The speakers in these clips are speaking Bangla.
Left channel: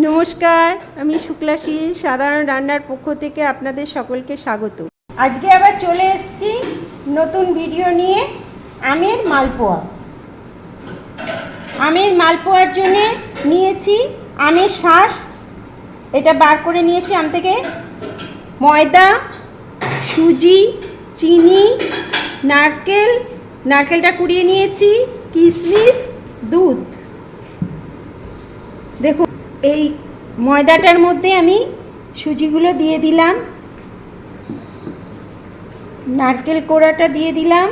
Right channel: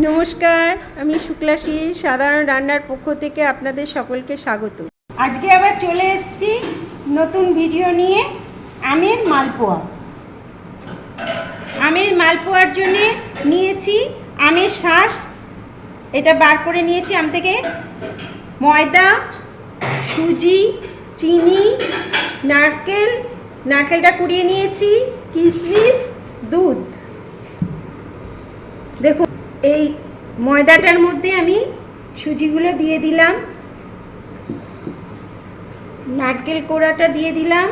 নমস্কার, আমি শুক্লাশ্রী সাধারণ রান্নার পক্ষ থেকে আপনাদের সকলকে স্বাগত। আজকে আবার চলে এসেছি নতুন ভিডিও নিয়ে। আমের মালপোয়া। আমের মালপোয়ার জন্য নিয়েছি আমের শাঁস, এটা বার করে নিয়েছি আম থেকে, ময়দা, সুজি, চিনি, নারকেলটা কুড়িয়ে নিয়েছি, কিশমিশ, দুধ। দেখুন, এই ময়দাটার মধ্যে আমি সুজিগুলো দিয়ে দিলাম, নারকেল কোড়াটা দিয়ে দিলাম।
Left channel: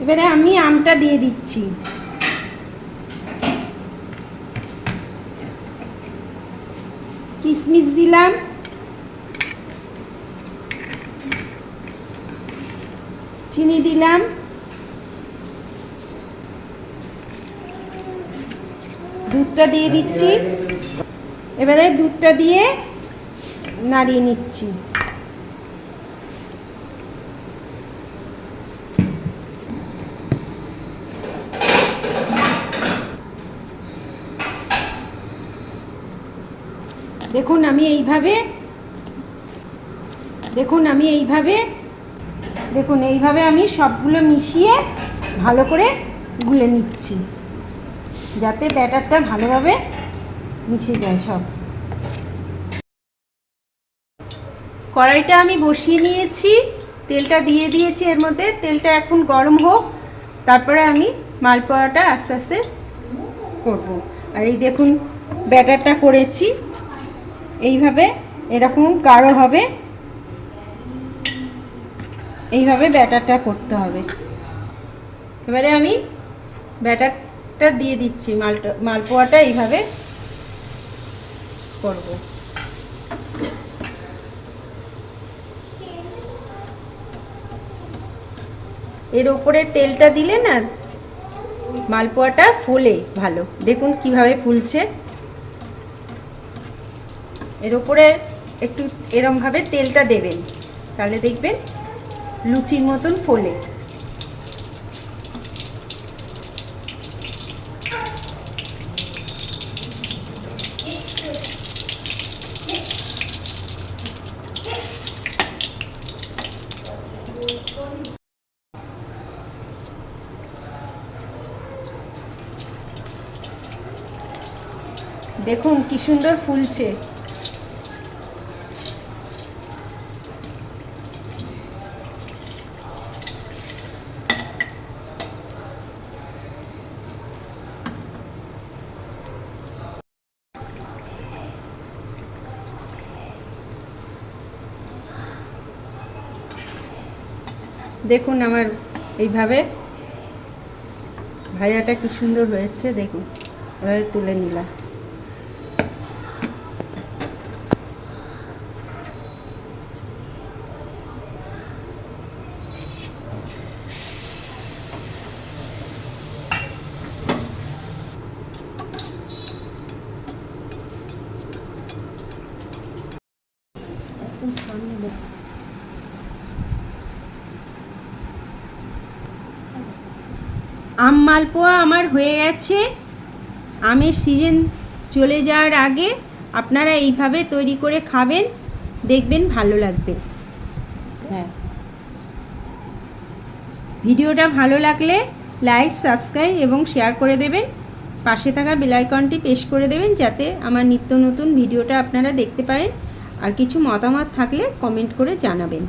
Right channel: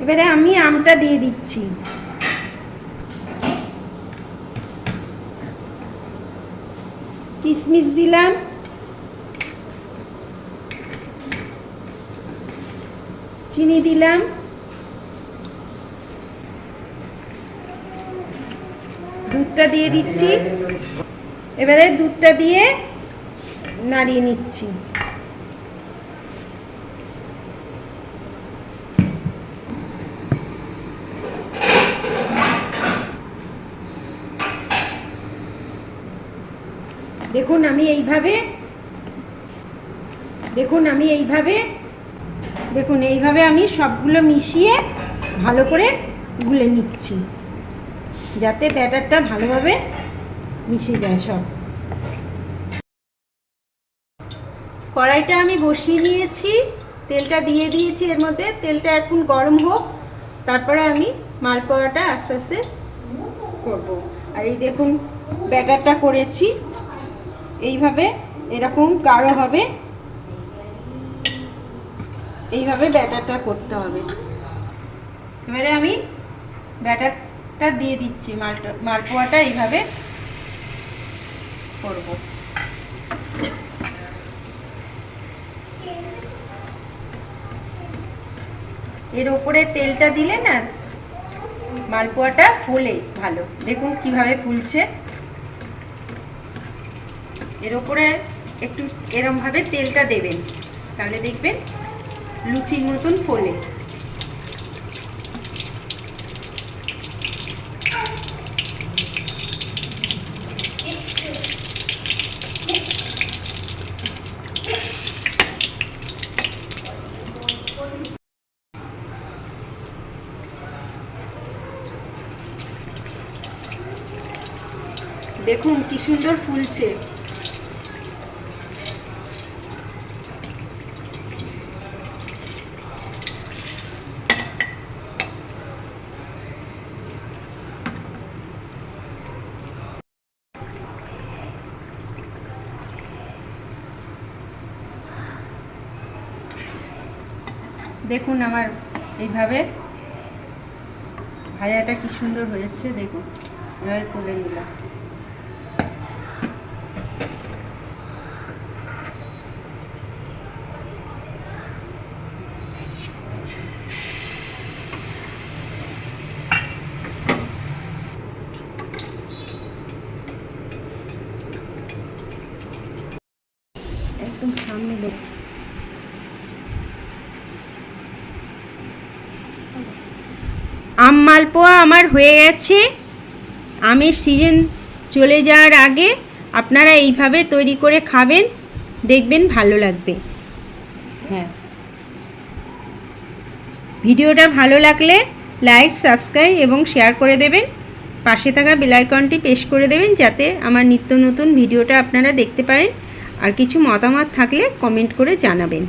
এবারে আমি আমটা দিয়ে দিচ্ছি। কিশমিশ দিলাম, চিনি দিলাম, দুধটা দিয়ে দিচ্ছি। এবারে দুধটা দিয়ে নাড়িয়ে নিচ্ছি। দেখুন আমি এইভাবে আমি সবগুলো মিশিয়ে ভালো করে গুলে নিচ্ছি, যাতে ব্যাটারটা ভালোভাবে মিশে যায় সব। কড়াইটা আমি বসিয়ে নিয়েছি, তেলটা দিয়ে দিয়েছি এর মধ্যে। তেলটা এখন গরম হোক, তারপরে আমি মালপোয়াটা আস্তে আস্তে করবো। আর এই দেখুন ব্যাটারটা করেছি, এইভাবে এরকম গাঢ় হবে, এইভাবে ব্যাটারটা করতে হবে। এবারে আমি ব্যাটারটা দিয়ে দিচ্ছি, মালপোয়াটা এইভাবে করব। এর উপরে তেলটা দিলে না মালপোয়াটা ফুলে ভালো। দেখুন কিভাবে ফুলছে। এর উপরে একটু এরমভাবে তেলটা দেবেন, তাহলে দেখবেন লুচির মতন ফোলে। দেখুন কি সুন্দর ফুলছে। দেখুন আমার এইভাবে ভাজাটা কি সুন্দর হয়েছে। দেখুন এভাবে তুলে নিলাম। একদম সামনে দেখছি। আম মালপোয়া আমার হয়ে গেছে। আমের সিজন চলে যাওয়ার আগে আপনারা এইভাবে তৈরি করে খাবেন, দেখবেন ভালো লাগবে। হ্যাঁ, ভিডিওটা ভালো লাগলে লাইক, সাবস্ক্রাইব এবং শেয়ার করে দেবেন। পাশে থাকা বেল আইকনটি প্রেস করে দেবেন, যাতে আমার নিত্য নতুন ভিডিওটা আপনারা দেখতে পারেন। আর কিছু মতামত থাকলে কমেন্ট করে জানাবেন।